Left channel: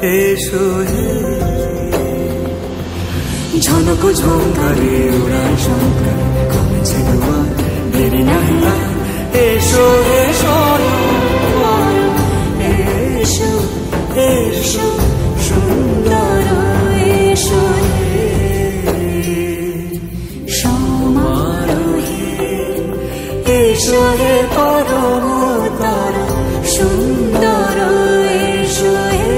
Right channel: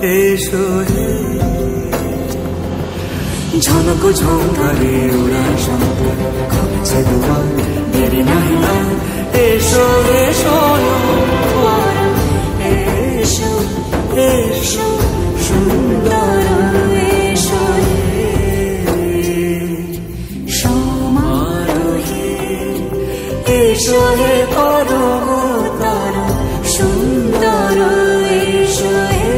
এসো হে। ঝনক ঝঙ্কারে উড়ান শঙ্কারে খুলেছে দুয়ার, দেরি নাহি আর, এসো হে স্বয়ংবর। এসো এসো সুন্দর, এসো হে সমারোহে। এসো হে পরমতর সুন্দর, এসো হে।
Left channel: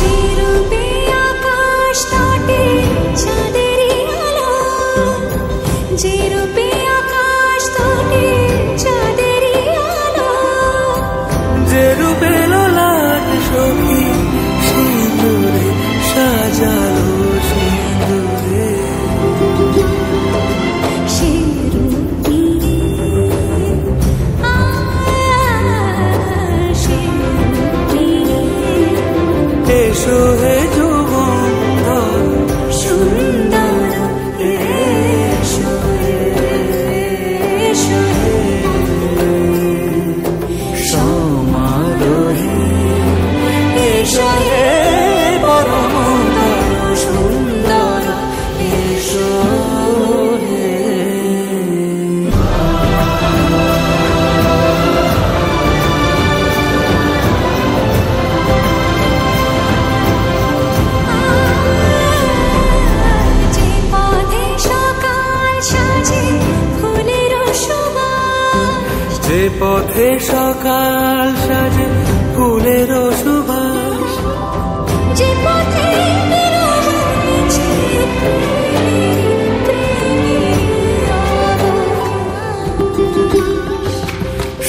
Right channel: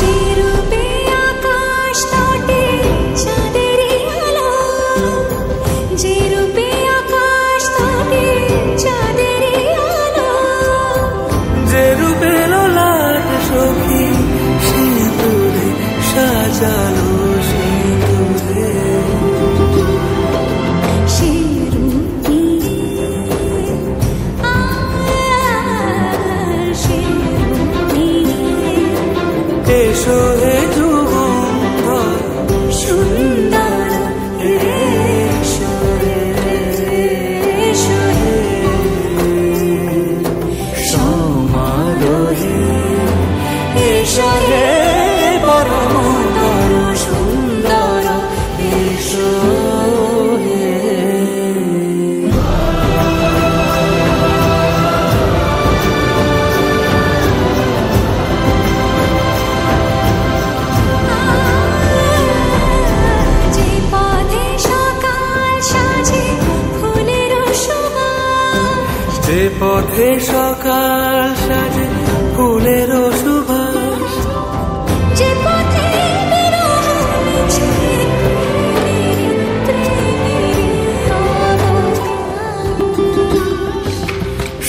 যে রূপে আকাশ তটে চাঁদেরই আলো, যে রূপে আকাশ তটে চাঁদেরই আলো, যে রূপে ললাট সখী সিঁদুরে সাজালো সিঁদুরে, সে রূপ নিয়ে সে রূপ নিয়ে এসো হে যুগন্ধর সুন্দর, এসো এসো হে সমারোহে। এসো হে পরমতর সুন্দর, এসো হে। যে পথে সকাল সাজে ফুলের সুবাস, যে পথে সকাল সাজে ফুলের সুবাস, যে পথে বিরহ মিছে প্রেমেরই প্রেমেরই অবকাশ,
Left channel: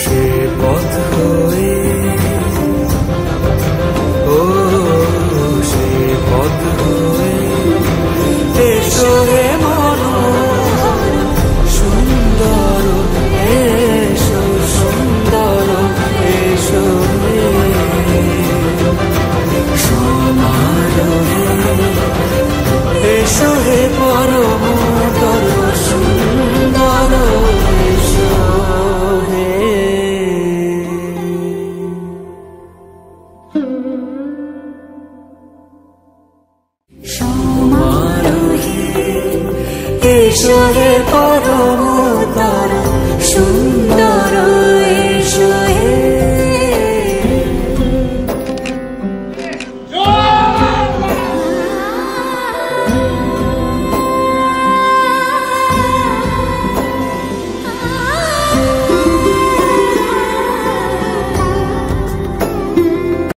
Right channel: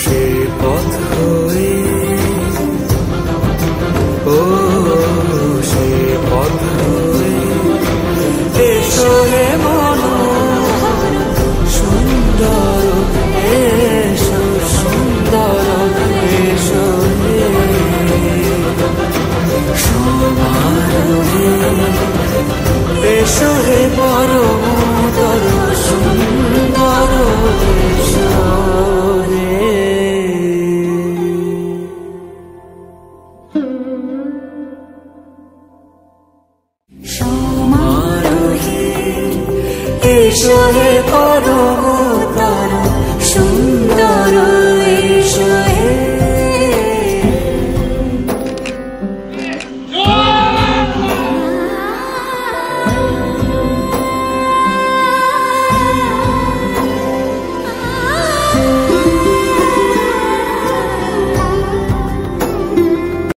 সে পথ হয়ে ও সে পথ হয়ে এসো হে মনোহর সুন্দর, এসো সুন্দর, এসো হে সমারোহে। এসো হে পরমতর সুন্দর, এসো হে সমারোহে। এসো হে পরম